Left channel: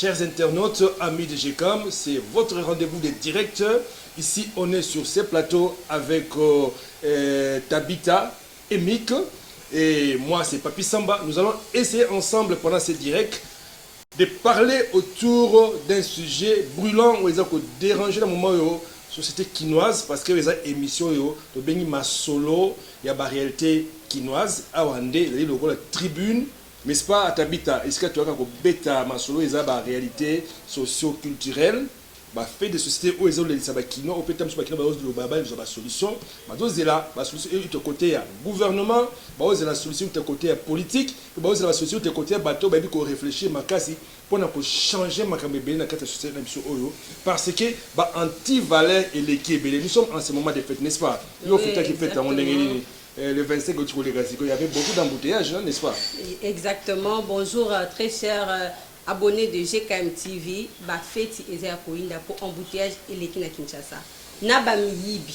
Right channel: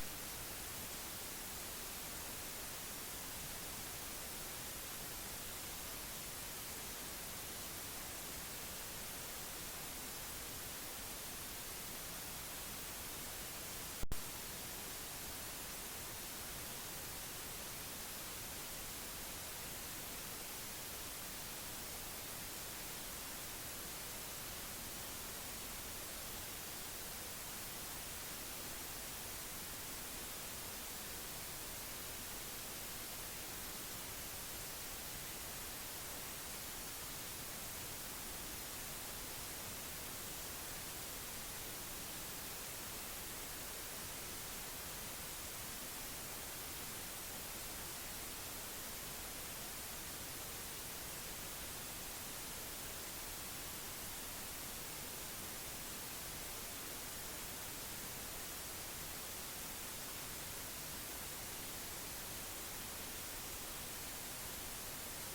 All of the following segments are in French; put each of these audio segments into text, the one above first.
Chers internautes, amis de GCAM, c'est votre rendez-vous de direct. Ici, on est sur ces plateaux avec Tabitha et Mick. Et moi, c'est Papi Samba. Nous allons essayer ensemble pendant ces directs de parler autour d'un sujet brûlant où ils ont dérangé le moment de la société quinoise parce que les émissions de Bengi Masolo, il y a la réalité quinoise. À Wande, il y a la tribune. Mais ce n'est pas à Tabitha. Est-ce que tu as un bêta Masolo, il y a la réalité socio-culturelle. Fait des sociétés où ils ont les sabakino, au pétam sur bakino, ils ont la solution. Ils ont la solution du côté gouvernement, ils ont la solution du côté politique, ils ont la solution du côté bateau, ils ont réfléchi pour changer la société parce que anti-valeur et l'équipe. Nous sommes en ce moment de fête, n'est-ce pas? Le 25 il y avait beaucoup d'embouteillages, n'est-ce pas? Exactement. Bonjour, très chers abonnés de GCAM TV. Fête pour embouteillage et l'équipe à Kinshasa. Naba Miyibi.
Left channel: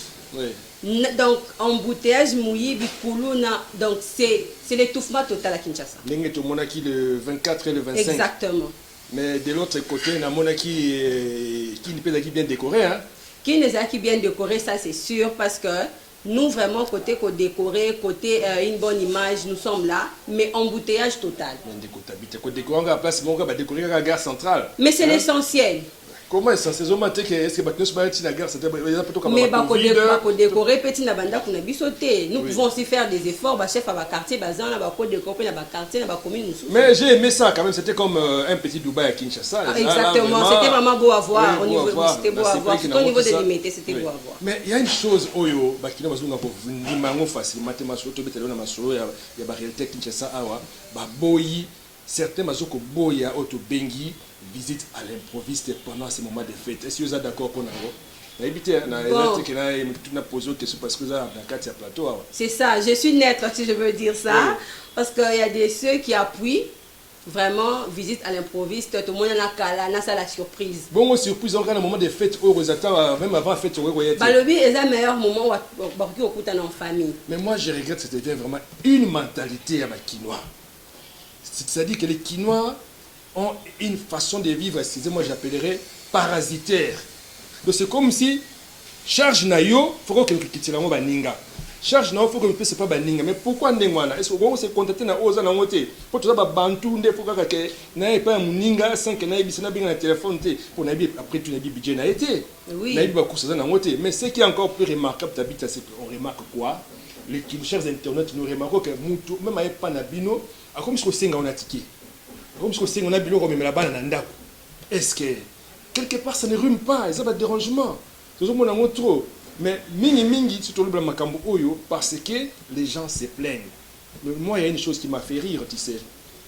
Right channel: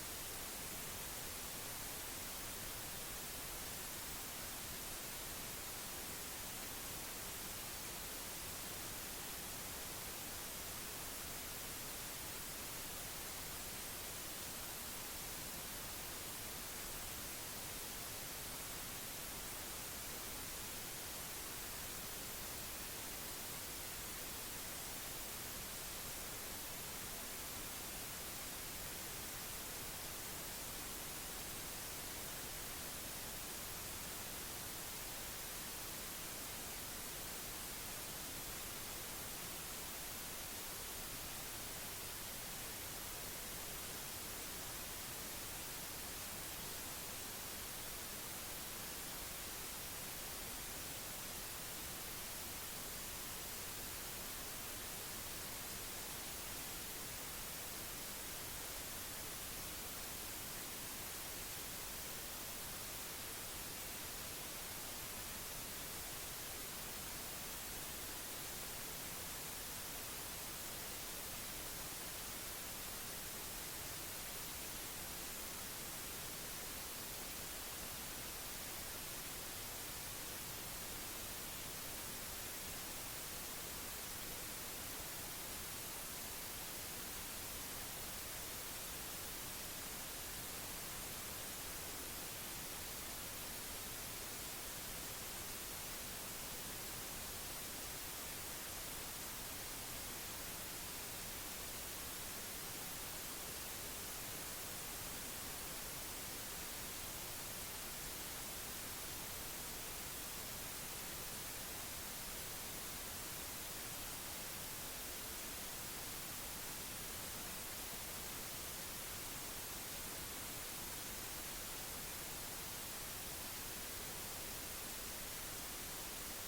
Donc, embouteillage Mouyibi Koulouna. Donc, c'est l'étouffement total à Kinshasa. Monaki le 24 et le 25. Exactement. Mais de l'autre côté, il y a Monaki qui n'est pas bien décoré. Hein? Qui n'est pas bien décoré, ça c'est sûr, parce que nous, vraiment, côté décoré, côté une bonne image, nous sommes là, mais embouteillage total. Mais c'est l'essentiel. Comment est-ce que est-ce que la gare c'était mais décorer petit na banda kuna bisoté nous pouvons aussi faire des efforts chef à quartier bazan na ba décorer na ba quartier na ba commune. Mais j'ai aimé ça quand même, c'était comme un petit Dubaï à Kinshasa. Exactement, c'était vraiment beau à voir au niveau c'était beau à voir au niveau des limites, c'était beau à voir. Mais il y a une chose oyo bakina bazunga ko ndimango facilement masolo to betelo na masolo ya ba réalité Kinshasa awa ba boyi certains bazoko boya auto bengi visite à l'improviste pendant ces moments de fête. Est-ce que vous êtes d'accord pour nous? C'est ça, je suis neutre si je veux dire ça, oui. Parce qu'il y a des ceux qui appuient vraiment visite à l'improviste, tout le monde a la surprise. Bon, surprise, on a un moment de fête, même avant la fête, le but est un meilleur moment où on est en famille. Mais moi, je regrette que c'était vraiment une mentalité à ma quinoa. C'est-à-dire que les quinois ont une façon de vivre, excusez-moi, j'appellerais parasitaire. Donc c'est comme si charge nayo, il faut que tu la baninga. Charge nayo, il faut que tu pas baninga. Mais pourquoi ndengwana? Est-ce que vous se contenter na oza na ngote? Pour tout ça bantu nde pour que na pas muninga sans que na ibisa na binga na téléphone te. Pour na après tu na budget na été. Oui. Na iba kusa na ngote. Mais ce qui est encore plus remarquable d'habitude c'est qu'on remarque quoi? Les chers internautes nous remarquons que mutu même avec pas na bino, a comme ce que c'est on a ticket. Comme si on a bilo comme la balle en ndako. Est-ce que quelque part ça ne rime pas, ça va dérangement. C'est ce qu'on a trop. Mais mingi surtout le makambo oyo parce que les gens se plaignent. Mais moi il y a une chose qui m'a fait rire, tu sais.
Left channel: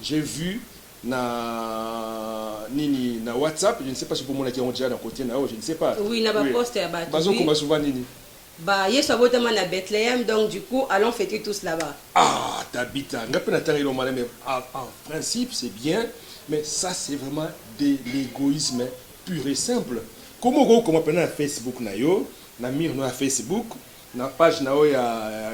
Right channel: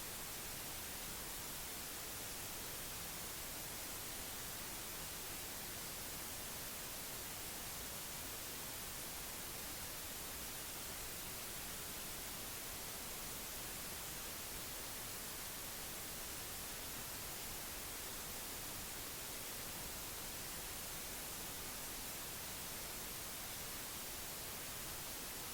J'ai vu na WhatsApp, je ne sais pas si pour moi qui ont déjà d'un côté je ne sais pas. Oui, na ba poste ya ba. Bazo comme souvent nini. Yesu abotama na Bethléem, donc du coup allons fêter tous là-bas. Ah, Tabitha, mais en principe c'est bien, mais ça c'est vraiment de l'égoïsme pur et simple. Comment on appelle na Facebook na yo, na mir na Facebook, na page na yo ya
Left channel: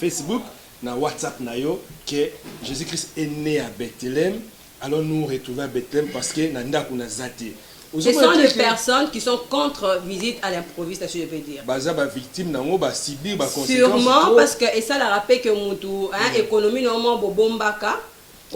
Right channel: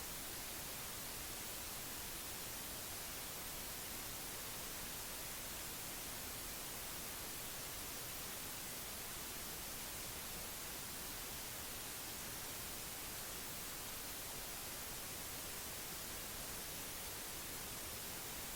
Facebook, na WhatsApp na yo que Jésus-Christ est né à Bethléem, allons nous retrouver à Bethléem parce que na ndaku na zate. Ce sont des personnes qui sont contre visite à l'improviste, je peux dire. Sûrement parce que, et ça l'a rappelé que mon économie normalement bombaka.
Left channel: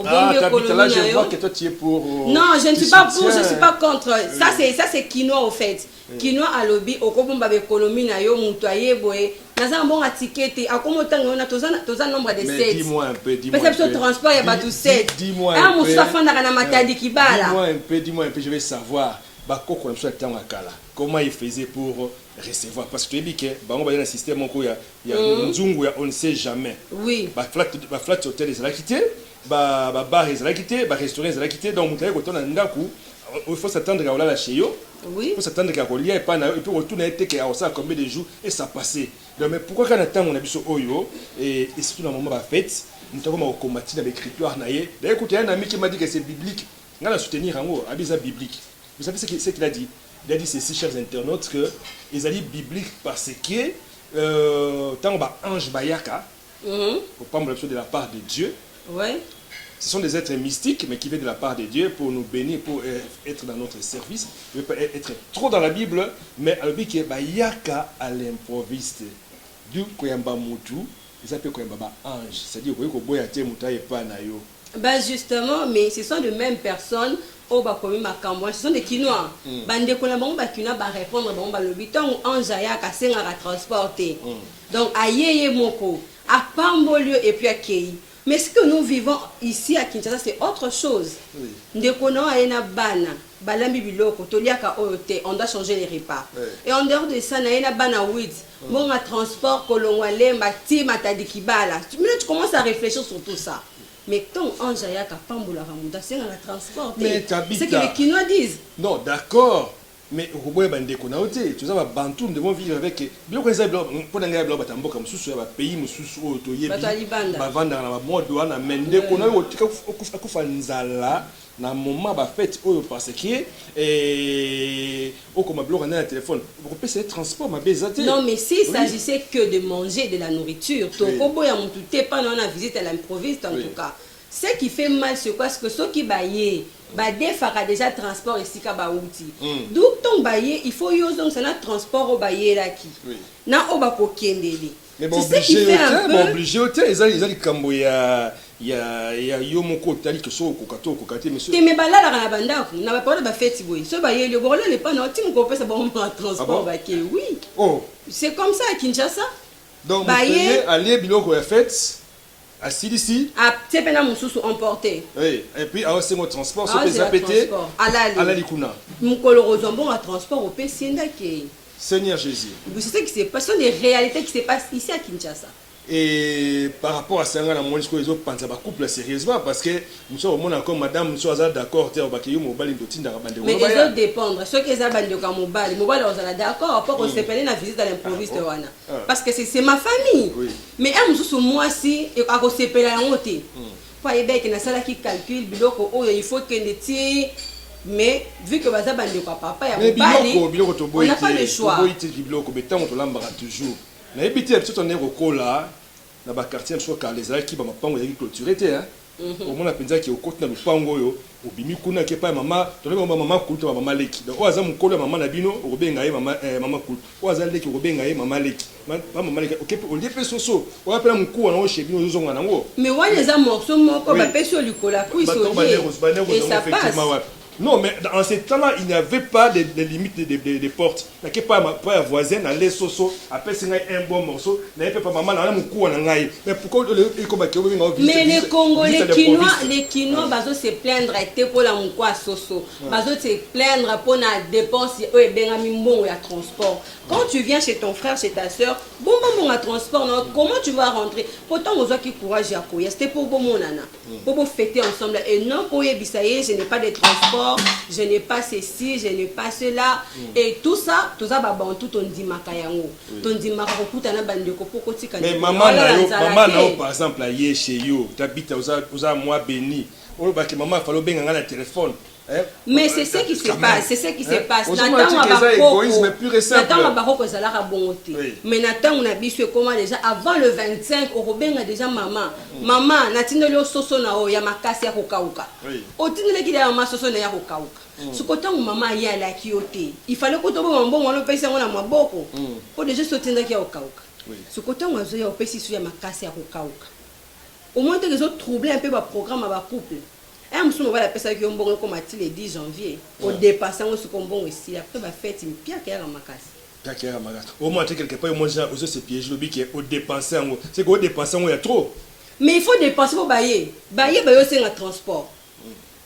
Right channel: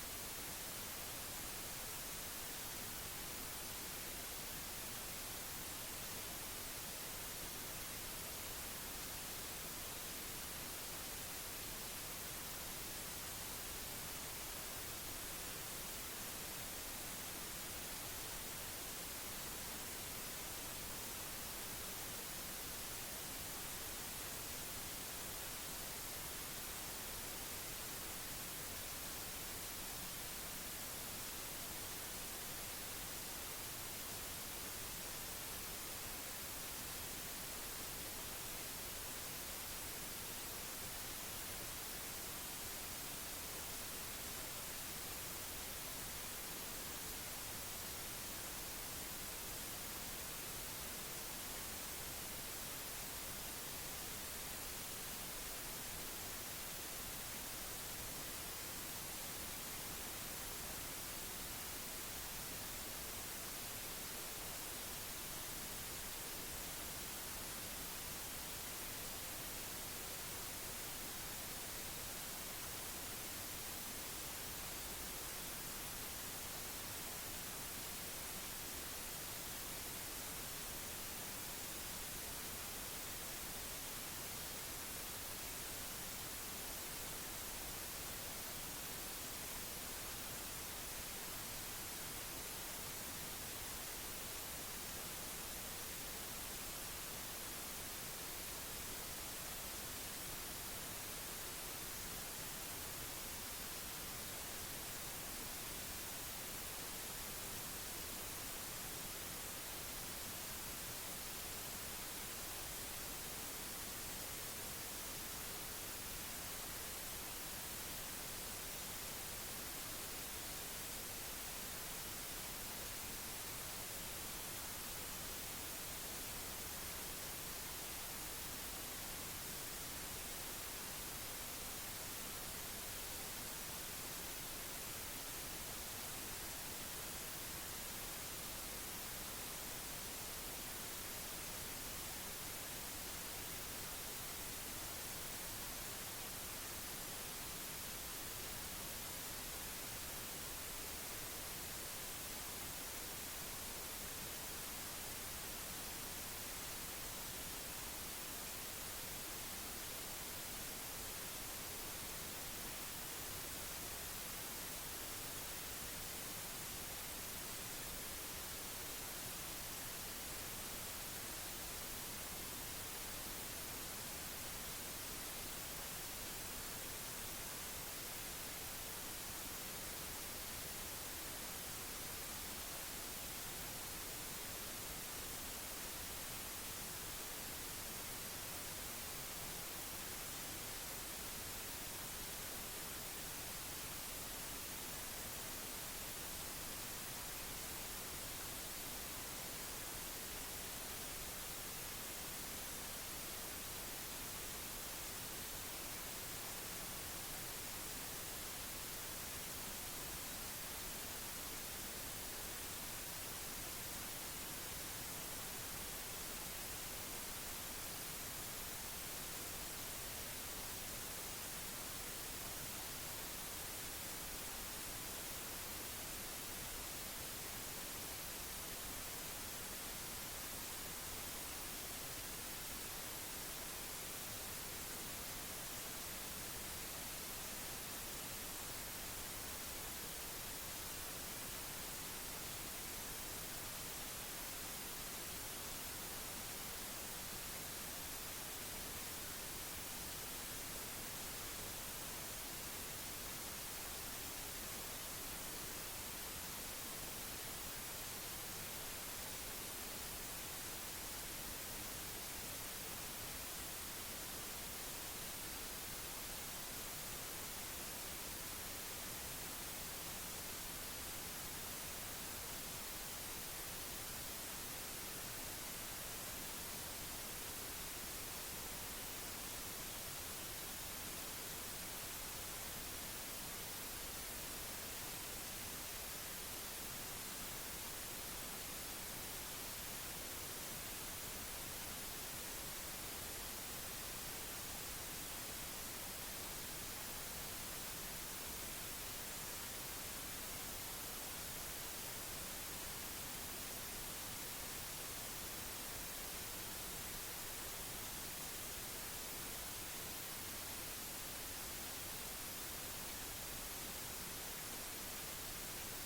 Ah, là, je vois que toi tu es pour. Non, je ne suis pas pour, je ne suis pas contre. Ça c'est quinoa au fait. Quinoa à lobby, au Kobomba économie na yo mutoye boy. Naza bon à ticket, à comment on a tous un nombre de 7. Dis-moi un peu, dis-moi. Parce que transport il y a pas tout 7. Dis-moi un peu. Dis-moi un peu, je vais savoir. Comment il faisait pour recevoir? Parce que tu dis que on va dans un système où on ne sait jamais. Oui. Flat hotel ils ont quitté, bar ils ont quitté, restaurant ils ont quitté. Donc il faut s'attendre à la chez eux. Oui. Il faut s'attendre à quoi il y a pas et puis retourner à combien de jours et ça passait. Donc mais pourquoi quand on attend on a vu ce oyo et surtout dans le moment de la fête, nous avons combattu dans l'écriture naïe. D'ailleurs écoutez un ami qui m'a dit que c'est biblique. On a soutenir en haut, abisa biblique. Vous savez ce qu'il a dit? Il a dit ceci, chers internautes, que ils ont dit biblique parce que tant que ange bayaka, au pas de la part de Dieu, ouais. ce sont des êtres mystiques, mais qui viennent de la part de Dieu pour nous bénir, pour être dans notre service. Je ne veux pas être trop dans la Bible, mais à l'objet qui est yaka à l'improviste. Du koyamba mutu, ils appellent koyamba ange. C'est-à-dire que boya te muta et pas na yo. Ben justement, mais ce sont les mêmes personnes au bakomi makambo, ce sont des Kinois. Bande kona bango ba Kinois ba répondre bango ba lobi tant ange ayaka senga ka transporter. Donc ayeye moko, à Pambolio et puis à Kei. Mais ce que nous vivons ici à Kinshasa, c'est autre chose. Ndekona ayena bana, balambi biloko, toliaka oyote, on doit changer les repas. Et en dehors de ça, ayena bana wid, bon à transport, kolongwale, mati, matadikibala. Tu commences à réfléchir sur tout ça. Mais quand ange ayaka Pambola Ramuda, c'est la transporter. C'est ce que les Kinois disent. Non, d'accord. Mais au bout de l'économie, tu sais, Bantou, nous devons vivre avec. Bien que les blancs, pour les blancs, ils comme sous un pays, mais sous autoyé. Vendre dans la mode, on a mené qu'on a na moment ba fête oyo parce que comme blanc on a un téléphone vous pouvez essayer transport ma bezate. Non mais s'il s'agissait que de manger de la nourriture, ton kobo ya mutu te pas dans la visite à l'improviste en tout cas. Ce qui fait mal c'est quoi, parce que ceux qui baillent fera déjà transport ici ka baouti. Donc ton baillé il faut yo donc c'est un transport au baillé là qui. Na oba ko kendeli. Mais bon obligé au thé, ils ont kambo ya yo moko tali que so kokato kokate monsieur. Te me balala na bandako na ba parole ba fête boy. So baillé le borolo le pas non tim ko pesa bon transport ba ke oui. Oh, c'est comme ça à Kinshasa. Donc baillé aller biloko ya fête à Silisi. Ah, c'est pena mususu emporté. Oui, et puis à ce transport so pesa pété. Ala likuna. Mukolo rozombo à transport au Pessinda ke. Seigneur Jésus. Vous savez que c'est pas ce sont des réalités qui se passent ici à Kinshasa. Et par rapport à ça, on a moins que les autres pensent à couple sérieusement parce que nous sommes au monde encore madame, nous sommes d'accord, tu es au baquillou, mobile, mais les autres dépendent. Ceux qui ont bandi au mobile, on est d'accord, pour qu'on se prenne la visite à l'improviste. Parce que c'est ma famille. Mais un monsieur, moi, si, et à cause de la honte, pour y aller, qui calcule, il faut que les tirs. Mais vu que baza bandi au papa, il y a on n'a pas le choix. Na ebiti ya biso on est rokola na ba quartier so ka les qui ba mapango ya clôturé te hein au mona penza ki okoti na lupango yo obimi kuna ke pa mama to le mama kuto mama leki donc oza mukolo mama na bino obenga ye mama mama kuto oza leki obenga ye mama leki mama leki OK on dit pe soso on appelle muku na o shebino zozonga nango mais wa les morceaux moko ba peso likola kuiso et ça passe. Non, mais en ce temps-là, il n'y avait pas de limites des portes. Il n'y avait pas un voisin, aller soso, après c'est un bon morceau, il n'y avait pas maman, mais pourquoi mais les Congolais, les Kinois, ils se plaindre pour la moukoua soso, ils se plaindre pour la dépense, et transport. Quand tu viens chez ton frère, chez ta soeur, bon transport, comment tu vas rentrer? Pourtant, on a qui courage à courir, c'était pour bon nana, pour fêter ensemble. Et non, pour y je n'ai pas de transport, je n'ai pas ceci, je n'ai pas cela. Et tout ça, tout on dit makayango. On dit makarokuta na bandeko pour kotika. Mais maman, par exemple, là, chez you, tu habites aux mois béni. Oh, bah, que maman, il faut bien un téléphone. Mais c'est ce qui se passe, c'est ce qui se passe. Égoïsme pur et simple. Mais Nathan, on a vu comment déjà avant le 25, Robin a déjà maman. Maman, Nathan le soso na o yamakasi ya kokauka. Otine ki ya maman soso na ya kokauka. Ce côté où maman y a la kioté, il fallait que tu aies un bon pèse on a moins beaucoup. Pour déjà sortir de kia kokauka. Ce côté où on a pèse sur yamakasi ya kokauka. Au moins que les autres troublent un peu le programme à couple. Et on va la personne qui est bon comme le 10 janvier. Au dépassant ce qu'on bon ici. Après, la fête, il y a qui est à au moins, quelque part, moi, j'ai ce piège qui est au dépensant. C'est qu'au dépensant, il y a trop. Mais il faut dépenser pour bailler. Bailler, c'est un transport.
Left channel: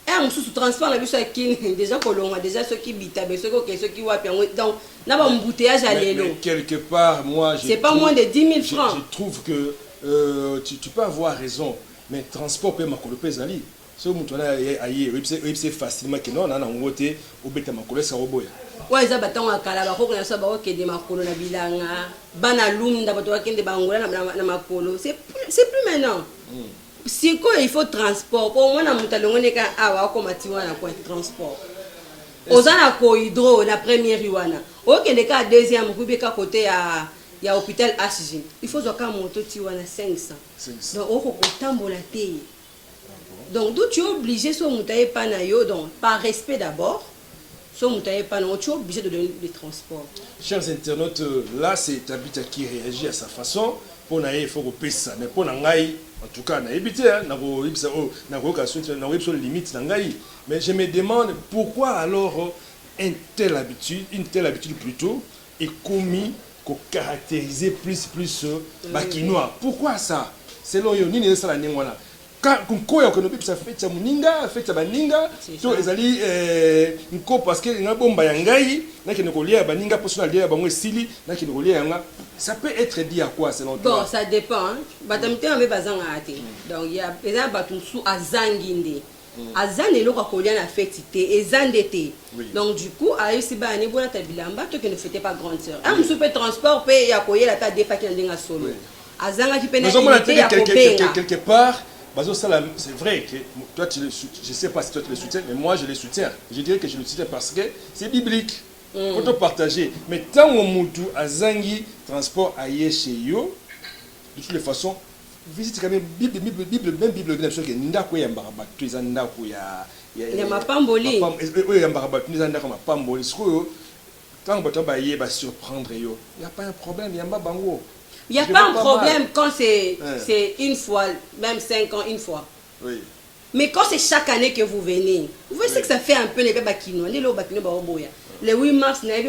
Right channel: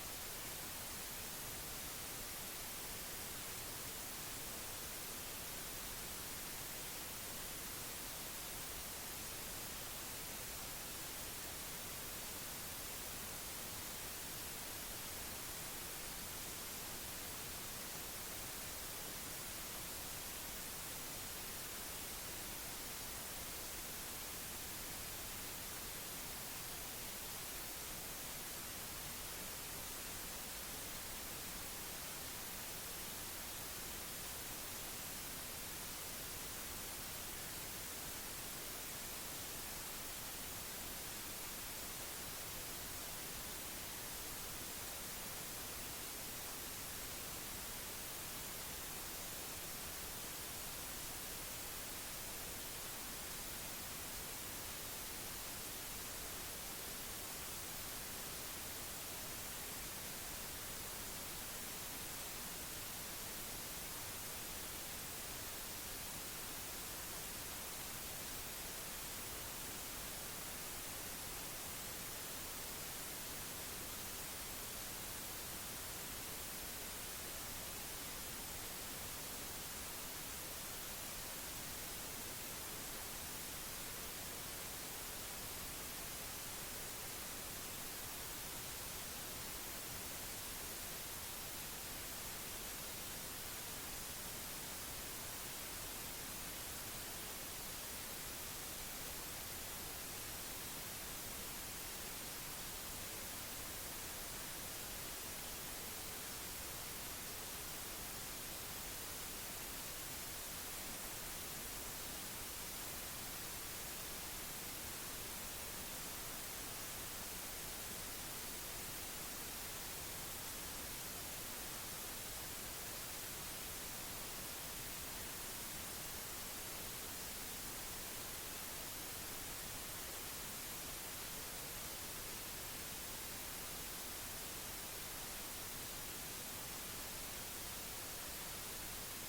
Et on sous transport, on a vu ça qui déjà colon, déjà ceux qui bitent, ceux qui voient. Donc, on a un embouteillage à l'élo. Quelque part, moi, c'est pas moins de 10 000 francs. Je trouve que tu peux avoir raison, mais transport peut m'accompagner ali. Si vous avez facilement que non, on a un côté au bêta makolo ça roboya. Ouais, ça baton à Kalaba, on a ça ba que des makolo na bilanga, banalum da bato akende bangola na makolo. C'est plus maintenant. Si quoi il faut transport, pour moi na mutalongo ne ka awa ko matiwa na quoi transport. Ozana ko hydro la première yuana. OK le cas deuxième kubika côté à il y a hôpital HG. Il faut zoka moto tiwana 500. Donc on ko tambola té. Donc, d'où tu es obligé, soit moutaye panayo, donc par respect d'abord, soit moutaye panayo, tu es obligé de donner des transports. Chers internautes, là c'est Tabita qui réagit à sa façon. Pour naïe, il faut que ça. Mais pour naïe, en tout cas, naïe, limite naïe. Mais je me demande pourquoi alors une telle habitude plutôt, est commis qu'on caractériser plus Bakinois. Pourquoi ça? Selon yo, ni ça la ningwana. Quand on a fait ça fait muninga, fait ça baninga, to ezali nko parce que nga bomba yangai, na ki nokolia baninga personal dia bango sili, na ki nokolia yanga. Ça peut être dit à quoi selon toi? Bon, ça dépend. Batamite ambe bazanga ate. Donc il y a eza batumsu azanginde. Azane lo kolia na fête té ezandete. Donc du coup, ayisi ba ni bona tabilamba to que ne fêtait pas grande sœur. Un musu peut transport pe ya koyé la ta defa ki ndinga solo. Azanga ki pena quelque part. C'est vrai que toi, je ne sais pas si toi tu le soutiens, mais moi je le soutiens. Je dirais que je le soutiens parce que c'est biblique. Il faut te partager. Mais tant que tu as zangi transport ailleurs chez yo, de toutes les façons, visite quand même Bible, même Bible, bien sûr que ndako ya mbaraba, tu es ndako ya mapamboli. Oui, ya mbaraba, tu es ndako mapamboli. Tant que tu vas surprendre yo, il n'y a pas un problème, il y a bango. Il n'y a pas un problème quand c'est une fois, même 5 ans, une fois. Oui. Mais quand c'est chaque année que vous venez, vous voyez que ça fait un peu les bakino. Le 8 mars, et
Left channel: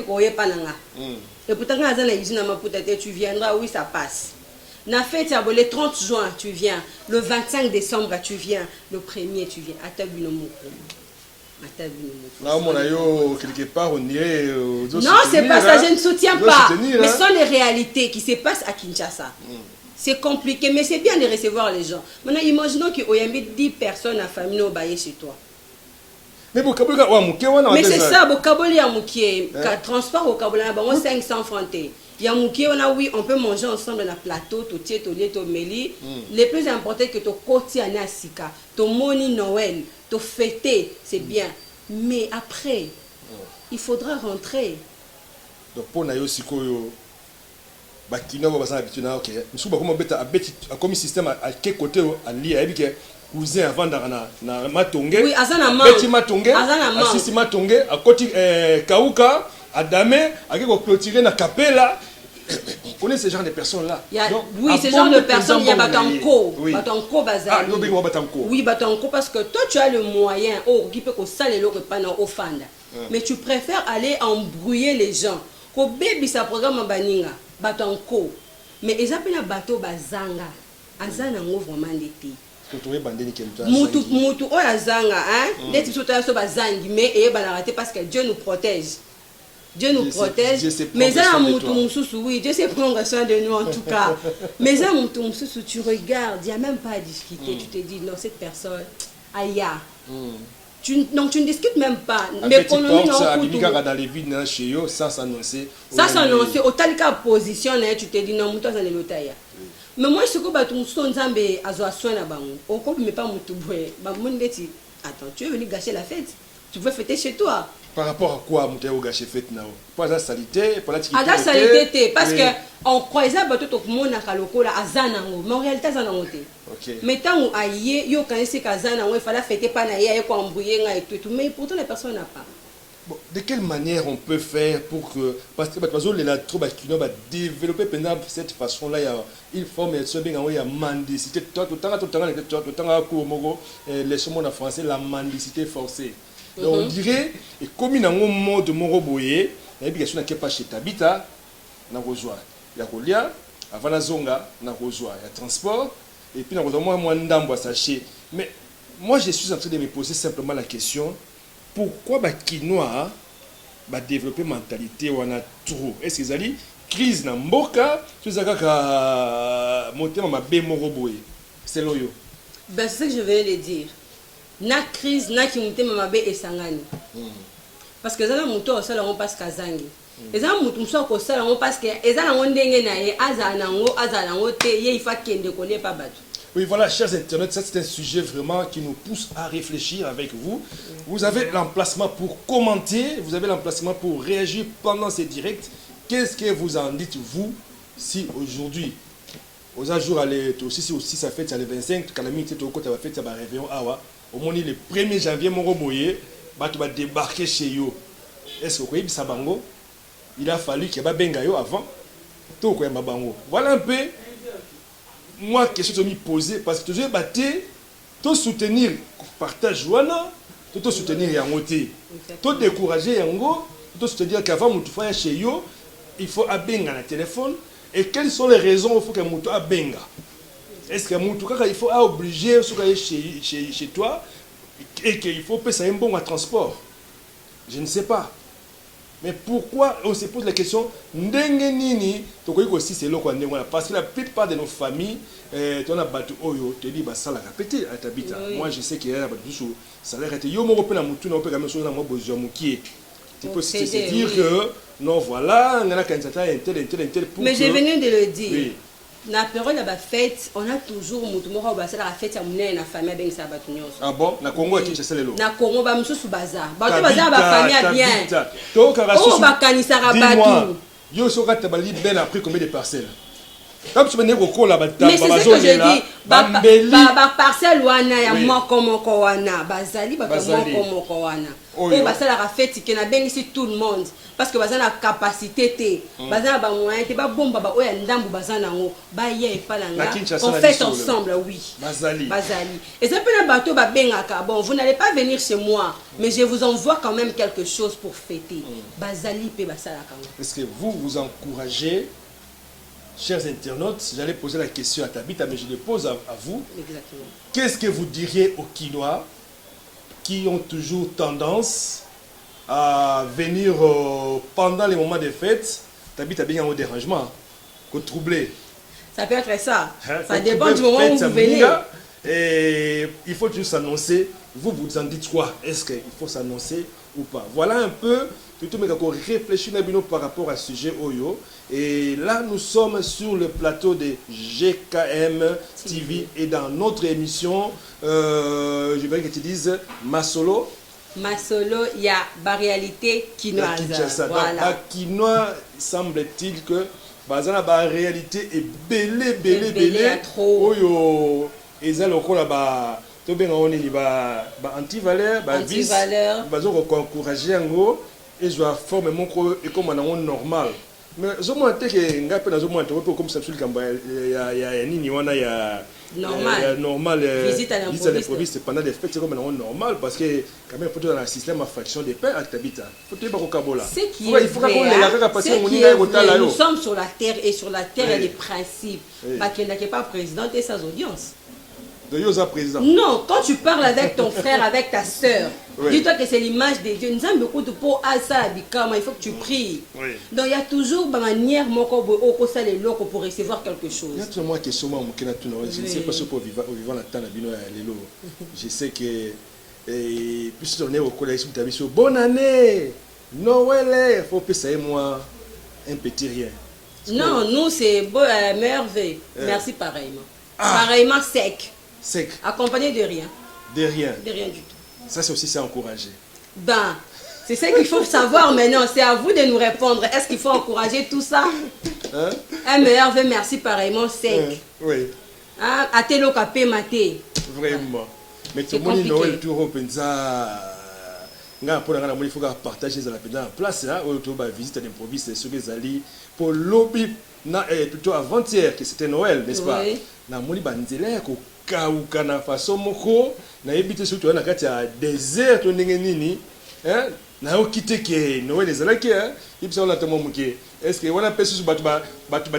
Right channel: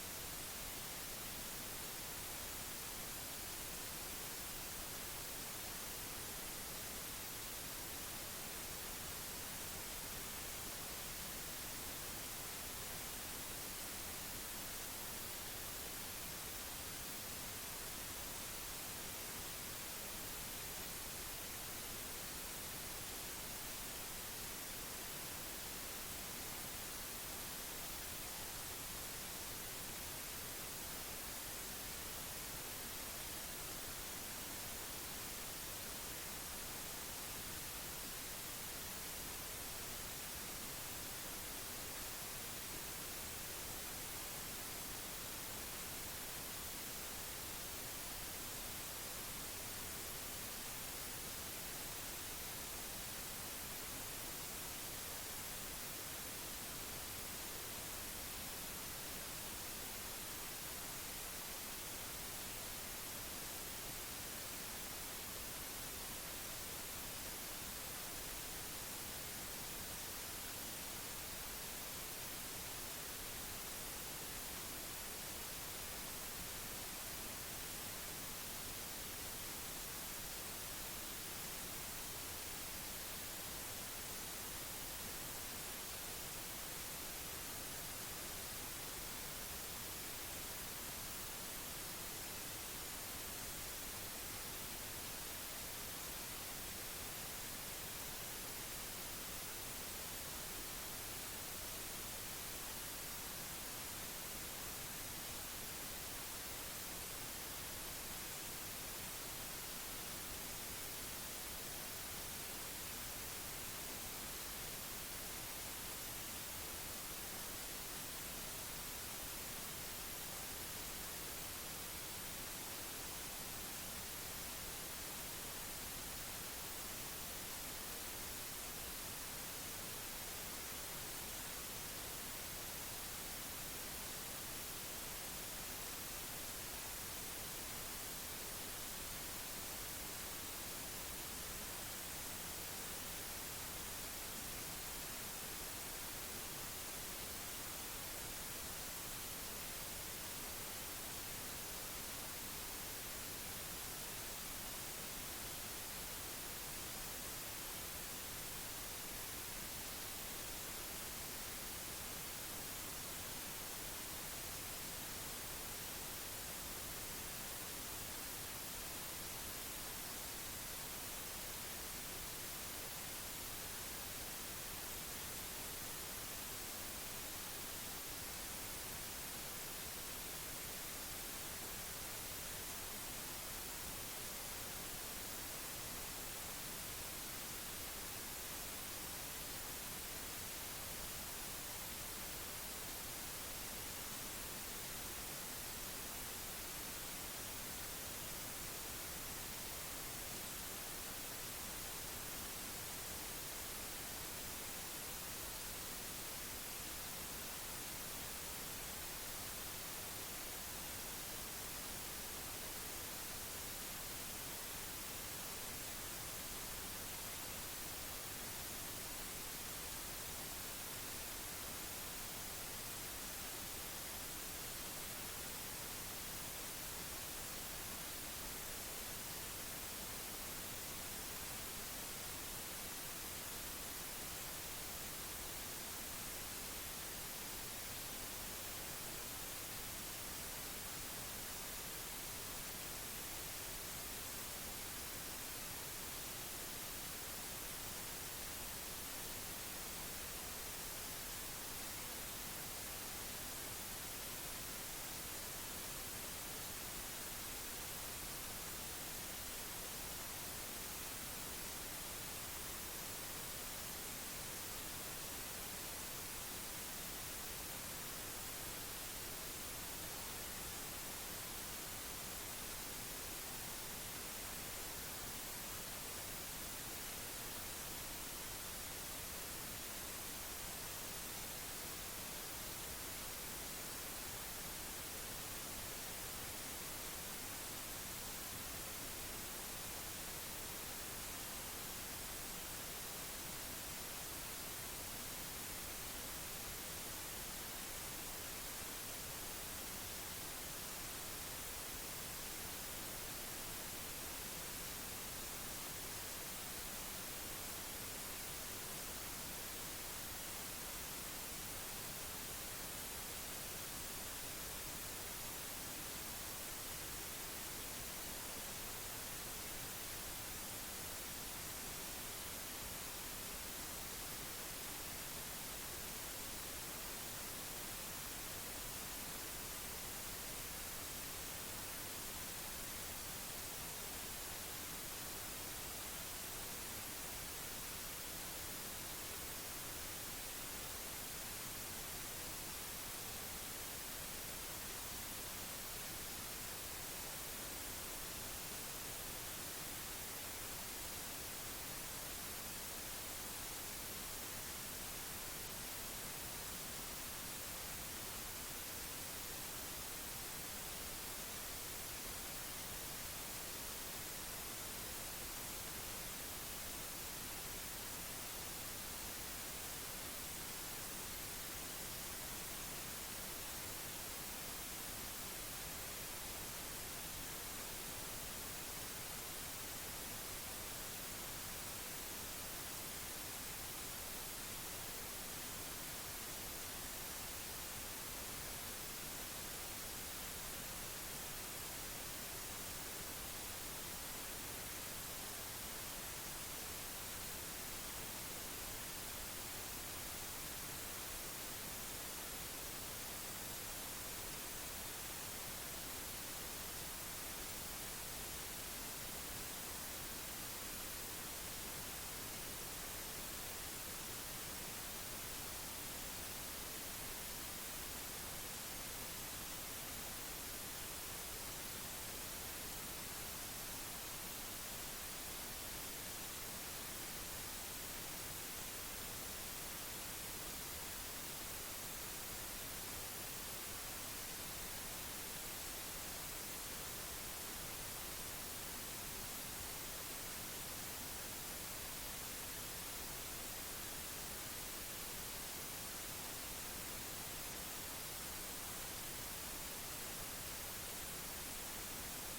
pourtant, tu viendras, oui, ça passe. Le 30 juin, tu viens. Le 25 décembre, tu viens. Le 1er, tu viens. Là, quelque part, on dirait. Non, c'est pas ça, je ne soutiens pas. Mais ce sont les réalités qui se passent à Kinshasa. C'est compliqué, mais c'est bien de recevoir les gens. Maintenant, imaginons qu'il y ait 10 personnes à famille au bail chez toi. Mais c'est ça, Bokaboli a mouké. Transport au Kaboli, 500 francs. Il y a mouké, on peut manger ensemble dans le plateau, to meli. Le plus important, que ton côté à Sika, ton moni Noël. De fêter, c'est bien. Mais après, il faudra rentrer. Donc, pour nous aussi, Bakino va habitué à OK. Nous sommes comme système à quel côté à lire avec cousin avant na matonge. Oui, azana ma. Petit matonge. Assisi matonge à côté Kauka, à Damé, à qui clôturer na capella. On connaît ce genre de personnes-là. Donc, oui, ce genre de personnes, il y a Batanko. Oui. Batanko, Bazar. Ah, non, Batanko. Oui, Batanko, parce que toi, tu as le moyen, qui peut que ça, les lots pendant au fanda. Mais tu préfères aller embrouiller les gens. Ko baby, ça programme en baninga. Batanko. Mais ils appellent un bateau Bazanga. Azana, vraiment l'été. Moutou, Azanga, hein? Les types de Bazangi, mais et banarate parce que Dieu nous protège. Dieu nous protège. Mais ça, oui, Dieu sait prendre soin de nous en tout cas. Mais ça, tu regardes, il n'y a même pas à discuter. Tu te dis, non, cette personne, aïe. Donc tu ne discutes même pas. Mais quand on est dans les villes chez eux, ça s'annoncer. Ça s'annoncer. Au tel cas, position, tu te dis, non, ça, c'est le taille. Mais moi, ce que tu me sens, c'est on ne peut pas me attends, tu es venu gâcher la fête. Tu veux fêter chez toi. Par rapport à quoi tu as gâché fête now? Pas la salité, pas la typique. La salité, parce que on croisait tout le monde à Kaloko, à Zanango. Mais en réalité, Zanango. Mais tant qu'on a eu, il fallait fêter pas naïe, quoi, embrouiller et tout. Mais pourtant, la personne n'a pas. Bon, de quelle manière on peut faire pour que. Parce que les latrobes qui va développer pendant cette façon-là, il faut mettre bien en mendicité. Tout le temps, les chemins en français, la mendicité forcée. Donc on dirait, et comme il y a un mot de Moroboye, il y a une question qui n'est pas chez Tabita, il y a Kolia, avant la zonga, il y a transport, et puis il y a moins d'ambo à sacher. Mais moi je suis en train de me poser simplement la question, pourquoi Bakinois va développer mentalité ou en a trop? Est-ce qu'ils allaient crise dans Mboka, tout ça qu'à monter ma bé Moroboye? C'est loyo. Ben c'est ce que je vais le dire. Na crise na ki muté mamabe esangani parce que zana muto osala on passe kazangi ezana mutu mso ko sala on parce que ezana on ndenge na ye azana ngo te ye ifa kende ko ne pas battu. Oui, voilà, chers internautes, ça c'est un sujet vraiment qui nous pousse à réfléchir avec vous. Vous avez l'emplacement pour commenter, vous avez l'emplacement pour réagir pendant ces directs. Qu'est-ce que vous en dites, vous, si aujourd'hui, aux jours, aussi ça fait le 25, quand la minute est au côté, ça va faire, ça va réveiller, au moins le 1er janvier moko boye bato ba débarquer chez yo. Est-ce que vous voyez ça bango? Il a fallu que ba benga yo avant to ko yamba bango. Voilà un peu moi question que je me poser parce que toujours batté to soutenir partage wana to soutenir yango te. To décourager yango, to soutenir qu'avant mutu fa chez yo, il faut abenga na téléphone et quelles sont les raisons il faut que mutu abenga? Est-ce que mutu kaka il faut obliger chez toi et qu'il faut payer un bon transport? Je ne sais pas. Mais pourquoi on se pose la question ndenge nini tokoki aussi c'est loko ndenge parce que la plupart de nos familles on a battu oyo te dit basala répéter à tabita. Moi je sais qu'il y a battu sur salaire était yo moko pe na mutu na pe quand même sur na mo besoin mukie. Tu peux se dire que non voilà on a quand tel pour. Mais j'ai venu de le dire. Oui. Na période de la fête, on a toujours mutu moko ba sala la fête ya munene na famille ben sa batu nyonso. Ah bon, na Congo et Kinshasa lelo. Na Congo ba mususu bazar. Ba bazar ba famille bien. To ka rasu. Oh ba kanisa rabatu. Yo soka tabali ben a pris combien de parcelles? Comme tu venais au col là-bas, mais c'est ce que je dis. Ba parcelle wana ya moko wana bazali ba moko wana. Oh ba sala la fête qui na ben ici tout le monde. Parce que bazana la capacité te bazana ba moyen te ba bomba ba oya ndambu bazana ngo ba ye palanga on fait ensemble oui bazali et ça peut na bateau ba bengaka bon vous n'allez pas venir chez moi mais je vous envoie quand même quelque chose pour fêter bazali pe basala kango. Est-ce que vous encouragez, chers internautes, j'allais poser la question à Tabita mais je le pose à vous. Exactement. Qu'est-ce que vous diriez aux Kinois qui ont toujours tendance à venir pendant les moments des fêtes, t'habites bien au dérangement, qu'au troublé. Ça peut être ça. Ça dépend du moment où vous venez. Et il faut juste s'annoncer. Vous en dites quoi? Est-ce qu'il faut s'annoncer ou pas? Voilà un peu, plutôt mais qu'on réfléchit par rapport à ce sujet Oyo. Et là, nous sommes sur le plateau de GKM TV et dans notre émission, je veux que tu dises Masolo. Masolo, il y a la réalité quinoise. Voilà. Quinoa, semble-t-il que la réalité est belé. Oyo, et ça, anti-valeur, encourager et je vais former mon comme normal. Mais je me comme ça, normal visite à l'improviste pendant les fêtes c'est comme normal parce que quand même faut dans le système à fraction des pains à Tabita faut te bakokabola il faut nous sommes sur la terre et sur la terre il y a des principes qui n'est pas président et sa audience. Non, quand tu parles avec ton frère, avec ta soeur, dis-toi que c'est l'image de Dieu. Nous avons beaucoup de pour ça, il faut que tu pries. Donc il y a toujours une manière pour recevoir quelque chose. Je ne sais pas si pour vivre la temps, je sais que puisque on est au collège, tu as vu bonne année, Noël, il faut payer moi un petit rien. Non, nous c'est merveille. Merci pareillement. Pareillement sec. Accompagné de rien. De rien. De rien du tout. Ça, c'est aussi ça encourager. Ben, c'est ça qu'il faut savoir maintenant. C'est à vous de nous répondre. Est-ce qu'il faut encourager tout ça? Un meilleur vœu, merci pareillement sec. Oui. À tes locapé maté. Vraiment. Mais tout le monde Noël, tout le monde il faut partager la place là où tu vas visiter à l'improviste sur les alliés pour lobby plutôt avant-hier que c'était Noël, n'est-ce pas? Na moni banzela ko kauka na façon moko na ebité surtout na kati ya désert to ndenge nini na yo kité ke Noël ezalaki ibisa la tamo muke est-ce que wana pesi su batu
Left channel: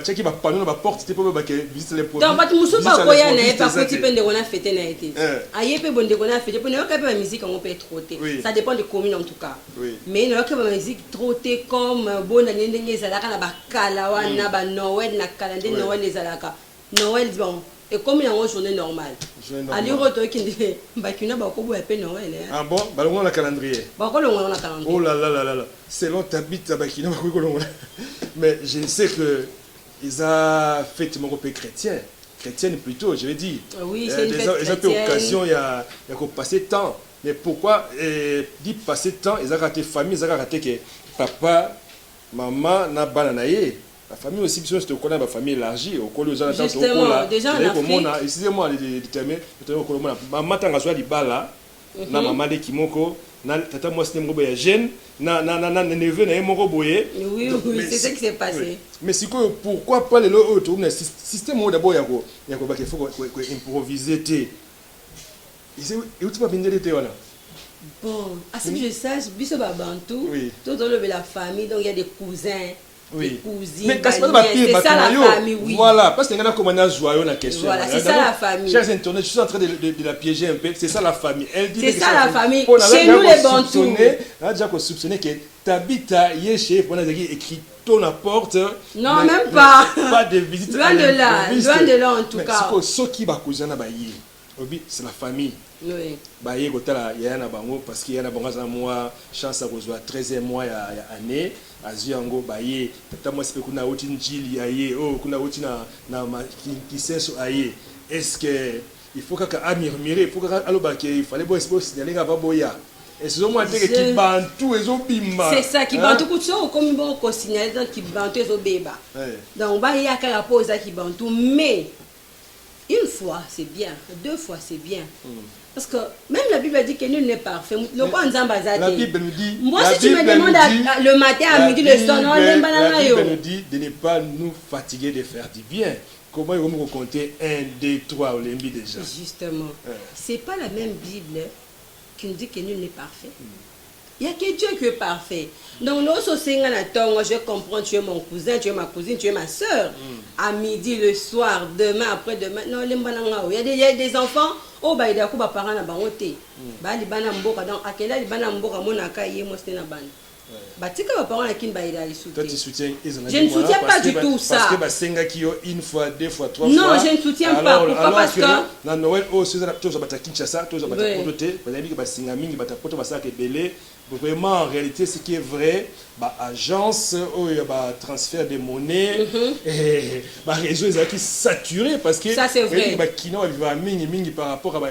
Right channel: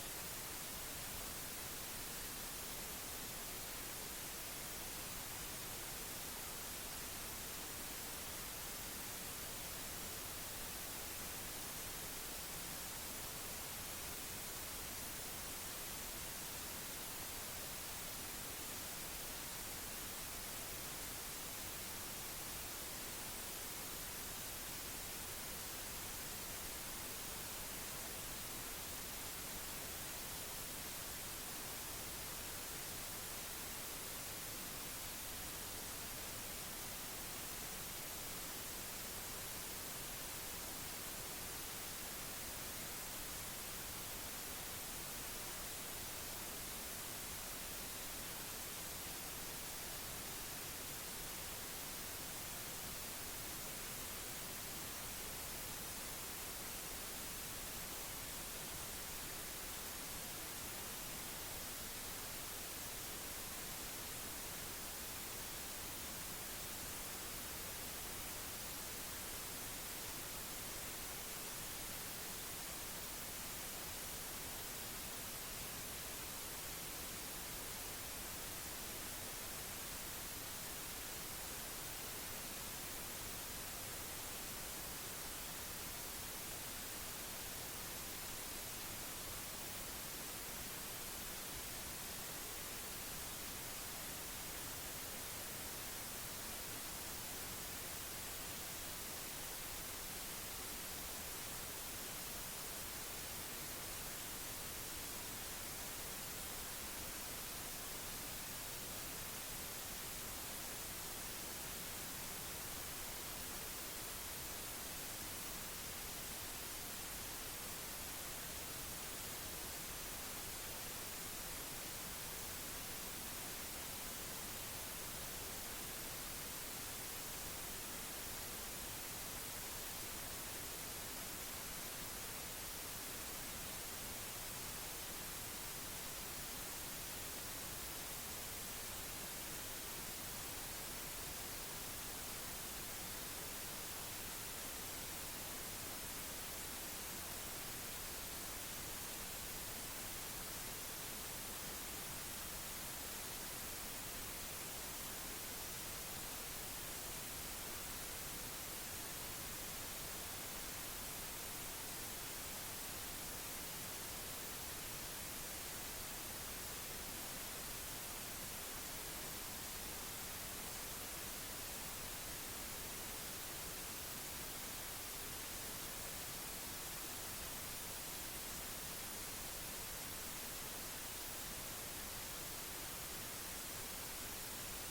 cheki ba panneau ba porte te po ba ke visite les produits donc batu musu ba koya na pa ko tipende kona fêter na été ayepe bonde kona fêter pour na ka ba musique on peut trotter ça dépend des communes en tout cas mais na ka ba musique trotter comme bona ndenge ezalaka na ba kala wana ba Noël na calendrier Noël ezalaka Noël bon et comme il y a une journée normale. Ali roto qui dit bakina ba ko bo epé Noël. Ah bon, ba longa na calendrier. Ba ko longa na calendrier. Oh là là là là. Selon tabita bakina ba ko longa. Mais je sais que ils a fait mon groupe chrétien. Chrétienne plutôt, je vais dire. Oui, c'est une fête chrétienne. Ils ont eu occasion il y a passer temps. Mais pourquoi dit passer temps, ils ont raté famille, ils ont raté que papa, maman na bananaye. La famille aussi, si tu connais la famille élargie, au col justement, déjà en Afrique. Excusez-moi de déterminer, maman tanga soit di bala, na maman de kimoko na tata moi c'est moko ya jeune na neveu na moko boye. Oui, c'est ça qui s'est passé. Mais c'est quoi pourquoi pas le autre système d'abord ya ko ba qu'il faut improviser té. Et où tu vas venir de voilà. Bon, à ce que je sache, biso ba bantou, tout dans la famille, donc il y a des cousins. Oui. Mais c'est ça la famille, oui. Voilà, parce que nous avons commencé joyeux la question. Voilà, c'est ça la famille. Chers internautes, je suis en train de la piéger un peu. C'est ça la famille. Elle dit c'est ça la famille. Chez nous les Bantous. On a déjà soupçonné que Tabita Yéché, on a écrit ton la porte. Non, même pas. Pas de visite. Loin de là en tout cas. C'est ce qui va causer na bayi. C'est la famille. Oui. Baye kotala ya na bango parce qu'il y a na bango za moi chance à rejoindre 13e mois ya année azu yango baye tata moi c'est kuna oti njili aye oh kuna oti na kisenso aye est-ce que il faut kaka murmurer pour kaka aloba que il fallait boy signaler nga ba boya est-ce que moi te ki bantu ezo bimba c'est ça qui bantu kutso comme bon ko signaler donc qui bantu ezo beba donc baye akala posa qui bantu mais une fois c'est bien, deux fois c'est bien. Parce que même la Bible dit que nul n'est parfait. La Bible nous dit. Moi, si tu me demandes le matin, à midi, le soir, non, la Bible nous dit de ne pas nous fatiguer de faire du bien. Comment ils vont nous compter 1, 2, 3 au limbi déjà. Justement. C'est pas la même Bible qui nous dit que nul n'est parfait. Il n'y a que Dieu qui est parfait. Donc, nous aussi, je comprends, tu es mon cousin, tu es ma cousine, tu es ma soeur. À midi, le soir, demain, après-demain. Non, il y a des enfants, oh, bah, il y a des parents à Bangote. Bah, il y a des mboka. Donc, à quel âge il y a des mboka, mon akaye, moi, c'est na ban. Bah, tu sais que mes parents, toi, tu soutiens. Je ne soutiens pas du tout ça. Parce que bah, senga qui ont une fois, deux fois, trois fois. Non, je ne soutiens pas. Pourquoi? Parce que. Dans Noël, oh, c'est ça, tu as Kinshasa, tu as Pototé, tu as dit que bah, senga mingi, bah, tu as belé. Vraiment, en réalité, ce qui est vrai, bah, agence, oh, bah, transfert de monnaie, et bah, réseau est saturé parce que. Ça, c'est vrai. Bah, Kino va mingi par rapport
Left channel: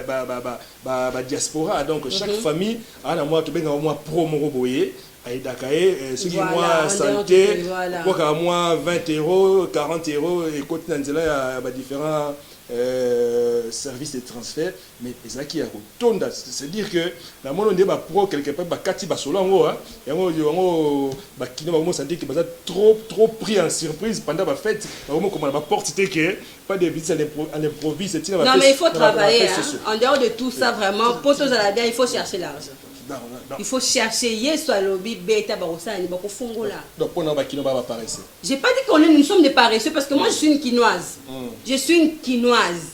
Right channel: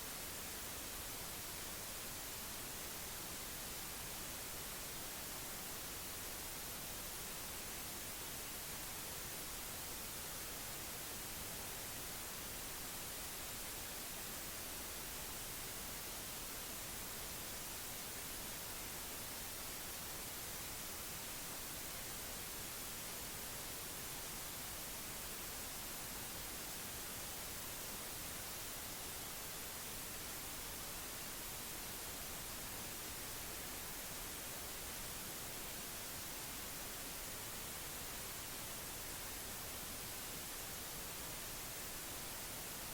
à diaspora. Donc, chaque famille, à la mois, tu as moins promo boyer. Ce qui moi santé, pourquoi moi 20 €, 40 €, et côté Nanzela, il y a différents services de transfert, mais c'est qui a retourné. C'est-à-dire que dans mon monde, pro quelque part, Kati Basolango, il y a qui santé qui trop pris en surprise pendant la fête, comment la porte c'était que pas de visite à l'improviste. Non, mais il faut travailler. En dehors de tout ça, vraiment, pour tous à la bien, il faut chercher l'argent. Il faut chercher yeso alobi beta barosa ni bako fungola. Donc pour nous bakino ba paresseux. J'ai pas dit qu'on est nous sommes des paresseux parce que moi je suis une quinoise. Je suis une quinoise.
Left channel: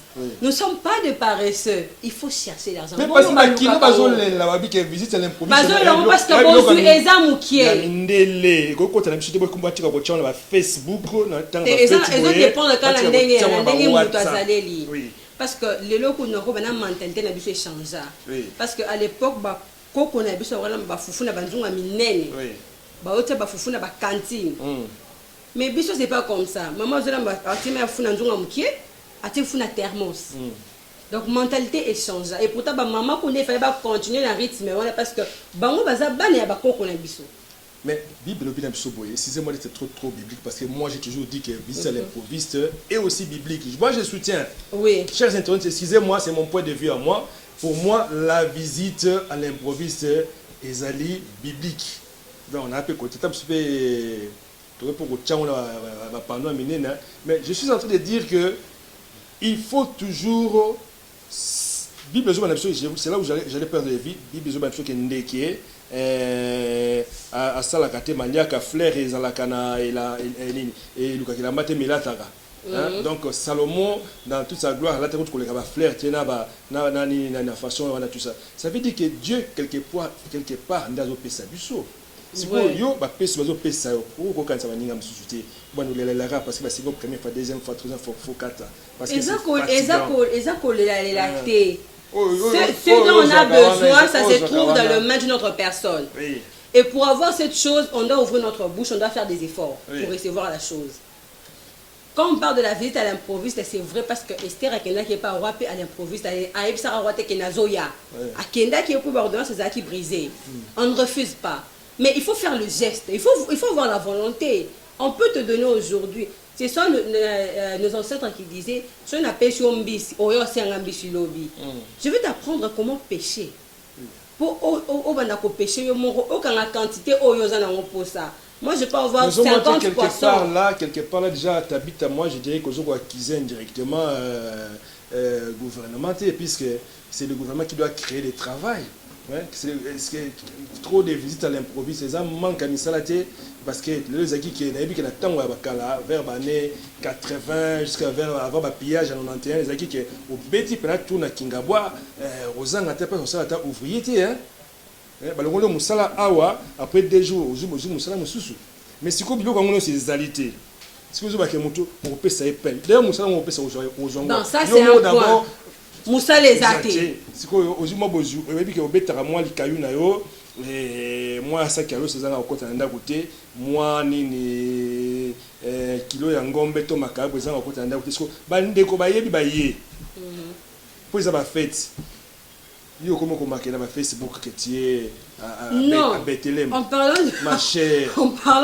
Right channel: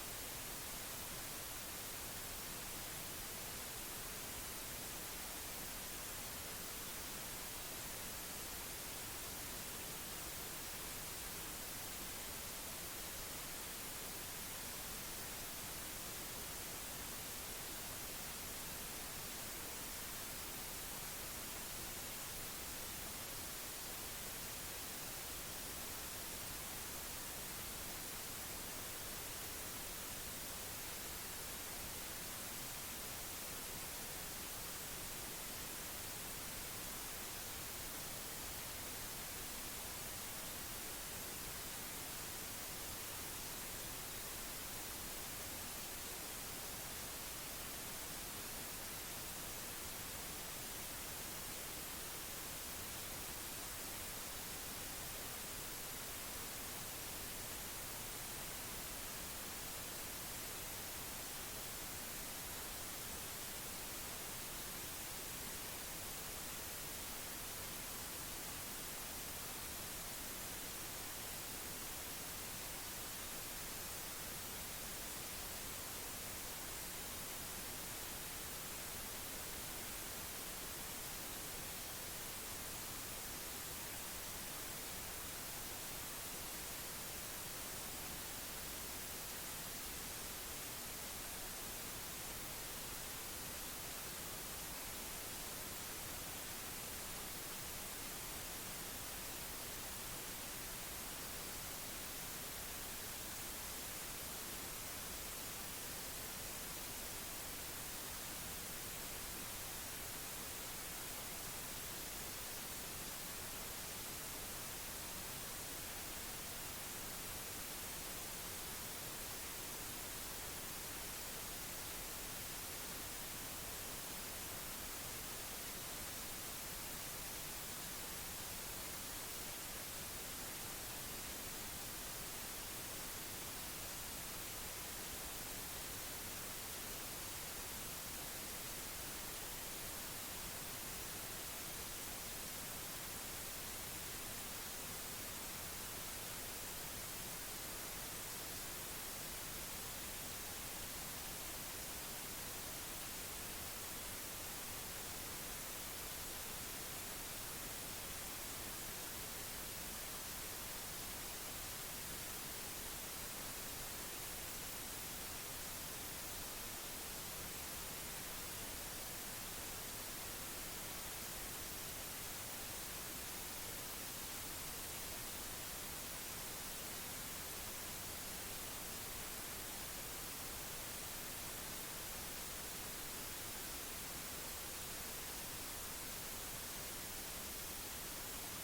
Nous sommes pas des paresseux. Il faut chercher l'argent. Mais parce que bakino bazo la babi que visite l'improviste. Bazo la parce que bon suis ezamu qui est. Ndele ko ko tana biso te ko mbatika ko tchana ba Facebook na tanga ba Facebook. Et dépend de quand la ndenge muto azaleli. Parce que les locaux n'ont pas une mentalité na biso échanger. Parce que à l'époque ba koko na biso wala ba fufu na banzunga minene ba ote ba fufu na ba cantine mais biso c'est pas comme ça maman zela ba atima fufu na nzunga mukie ati fufu na thermos donc mentalité échange et pourtant ba maman ko ne fallait pas continuer la rythme voilà parce que bango baza bana ya ba koko na biso. Mais Bible bien biso boye excusez-moi d'être trop biblique parce que moi j'ai toujours dit que visite à l'improviste est aussi biblique. Moi je soutiens. Oui. Chers internautes, excusez-moi, c'est mon point de vue à moi. Pour moi, la visite à l'improviste est ali biblique. Donc, on a un peu côté mais je suis en train de dire que il faut toujours. Bible, c'est là où j'allais perdre la vie. Bible, c'est à Salakate, Maniaka, Flair et Zalakana et la Matemelatara. Donc Salomon dans toute sa gloire là tu vois que fleur tiena na façon on a tout ça ça veut dire que Dieu quelque part ndazo pesa biso si yo ba pesa bazo pesa ou ko kanza baninga msusuté bon la parce que ba c'est première fois deuxième fois troisième fois faut quatre parce que ezako la té ce dont on a besoin ça se trouve dans le main d'une autre personne et pour avoir cette chose on doit ouvrir notre bouche on doit faire des efforts pour recevoir la chose. Quand on parle de la visite à l'improviste, c'est vrai parce que Esther Akenda qui est pas roi à l'improviste, à Ebsara roi qui est Nazoya, Akenda qui est pour ordonnance c'est qui brisé. On ne refuse pas, mais il faut faire le geste, il faut avoir la volonté. On peut te donner aujourd'hui. Ce sont nos ancêtres qui disaient, je vais t'apprendre comment pêcher. pour au bandako pêcher aucun la quantité au yozana pour ça. Moi je peux avoir 50 quelque part là déjà t'habites à moi, je dirais que je dois acquiser indirectement gouvernemental, puisque c'est le gouvernement qui doit créer le travail. Ouais, c'est trop de visites à l'improviste, les gens manquent à Missalate parce que les acquis qui est vers l'année 80 jusqu'à avant le pillage en 91, les acquis qui au bêtis pendant tout na Kingabwa, aux ans à tête sur ça ouvrier hein. Le Moussala awa après 2 jours aux Moussala Moussou. Mais si comme on a ces alité. Si vous avez moto on peut ça peine. D'ailleurs Moussala on peut ça aux gens. Non, ça c'est un point. Moussa les athées. C'est quoi aux humains bozu. Et puis que au bêta moi les cailloux na yo. Et moi ça kilo c'est ça na côté na côté. Moi ni kilo ya ngombe to makabo ça na côté na côté. Ba ndeko ba yebi ba ye. Pour ça ba fête. Yo comment qu'on marque dans Facebook que tu es à Bethléem. En parlant de ma chère.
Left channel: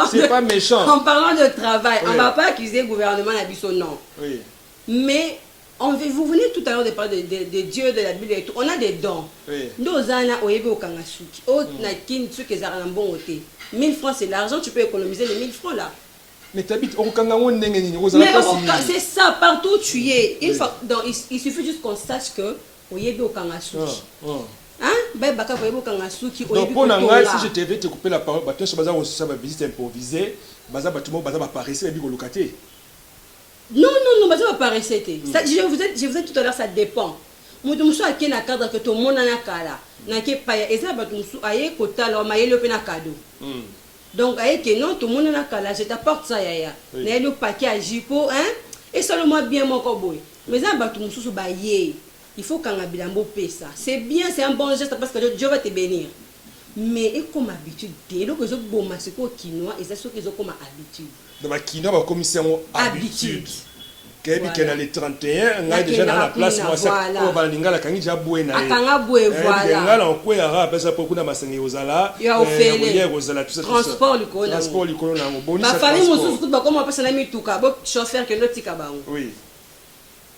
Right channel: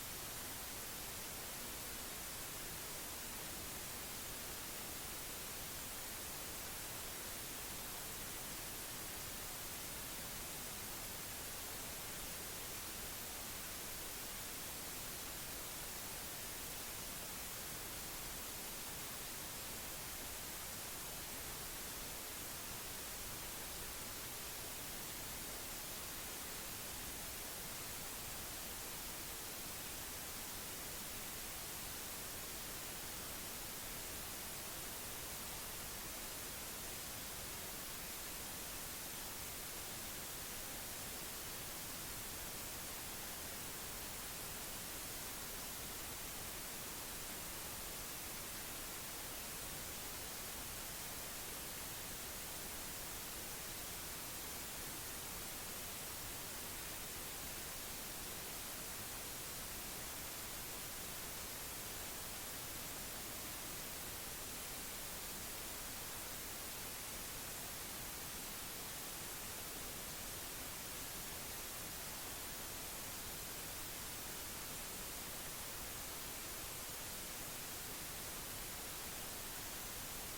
C'est pas méchant. En parlant de travail, on va pas accuser le gouvernement d'habiter non. Oui. Mais vous venez tout à l'heure de parler de Dieu, de la Bible et tout. On a des dons. Nous, on a oyebe au Kangasuki. On a qui truc qui est un bon côté. 1000 francs, c'est l'argent, tu peux économiser les 1000 francs là. Mais tu habites au Kangao. C'est ça, partout où tu es. Il suffit juste qu'on sache que oyebe au Kangasuki. Hein? Ben, baka oyebe au Kangasuki. Donc, pour n'engager, si je devais te couper la parole, tu sais, ça va visite improvisée. Baza bâtiment, baza va apparaître, et puis locataire. Non, ça va pas rester. Je vous ai tout à l'heure, ça dépend. Moi, je suis à qui na cadre que tout le monde a kala. Na qui pas et ça va tout aye kota la maye le pena cadeau. Donc aye que non tout le monde a kala, je t'apporte ça ya. Na le paquet à jipo hein et seulement bien mon cowboy. Mais ça va tout sous bailler. Il faut qu'on a bilambo paie ça. C'est bien, c'est un bon geste parce que Dieu va te bénir. Mais et comme habitude, dès que je bon masiko quinoa et ça ce qu'ils ont comme habitude. Dans ma quinoa va commission habitude. Kebi kena le 31 ngai déjà dans la place moi ça ko balinga la kangi ja buena akanga bue voilà ngala on ko ya ra pesa pour kuna masengi ozala transport likolo na boni ça ma famille mususu kuba comme on pesa na mituka bo chauffeur que l'autre bango oui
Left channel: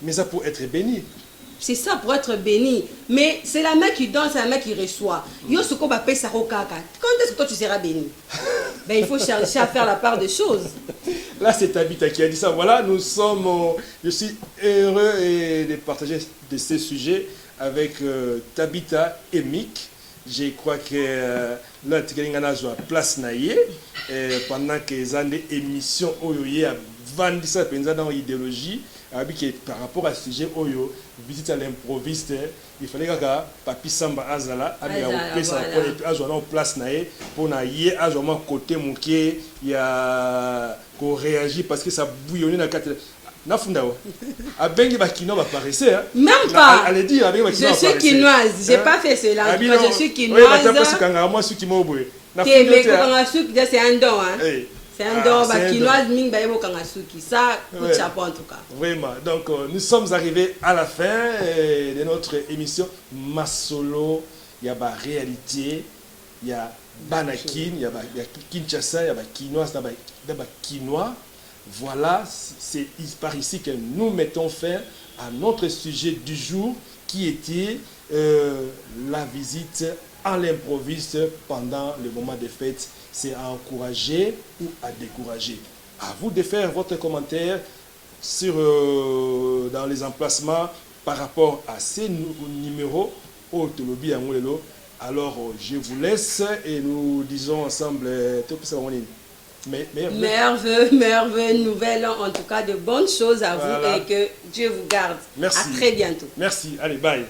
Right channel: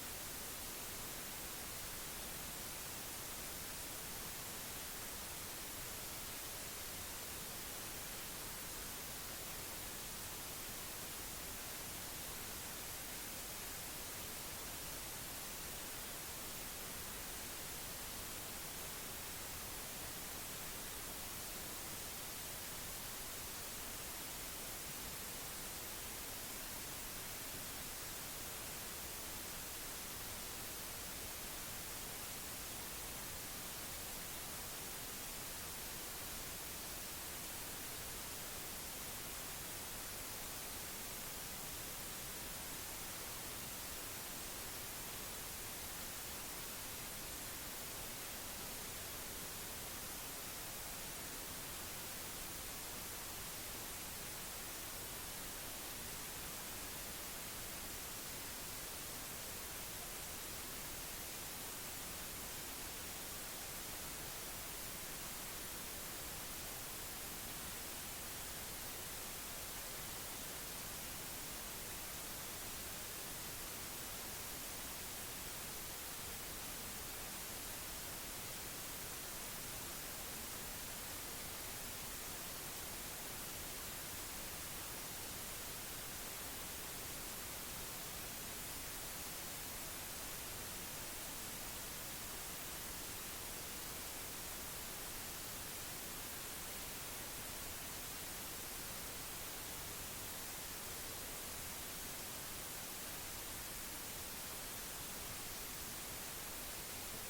mais ça pour être béni. C'est ça pour être béni. Mais c'est la main qui donne, c'est la main qui reçoit. Yo ce qu'on va payer ça au caca. Quand est-ce que toi tu seras béni? Ben il faut chercher à faire la part des choses. Là c'est Tabitha qui a dit ça. Voilà, nous sommes. Je suis heureux de partager de ces sujets avec Tabitha et Mick. Je crois que là tu as une place naïe pendant que les années émissions oyoye a vendu ça dans l'idéologie. Par rapport à ce sujet oyo visite à l'improviste il fallait que Papi Samba azala en place naé pour na yé azoma côté moké il y a qu'on réagit parce que ça bouillonnait dans quatre na funda a bengi ba kino va paraître même pas allez dire avec je suis quinoise j'ai pas fait cela je suis quinoise oui mais parce que moi suis qui m'oboé na funda c'est un don hein. C'est un don, quinoise ming ba yebo kangasuki. Ça, coup de chapeau en tout cas. Vraiment. Donc, nous sommes arrivés à la fin de notre émission Masolo. Il y a la réalité, il y a Banakin, il y a Kinshasa, il y a quinoise, il y a quinois. Voilà, c'est par ici que nous mettons fin à notre sujet du jour qui était la visite à l'improviste pendant le moment des fêtes. C'est à encourager ou à décourager. À vous de faire votre commentaire dans les emplacements par rapport à ces numéros. Alors, je vous laisse et nous disons ensemble merveilleux, nouvelle, en tout cas de bonnes choses à vous et que Dieu vous garde. Merci. À très bientôt. Merci. Allez, bye.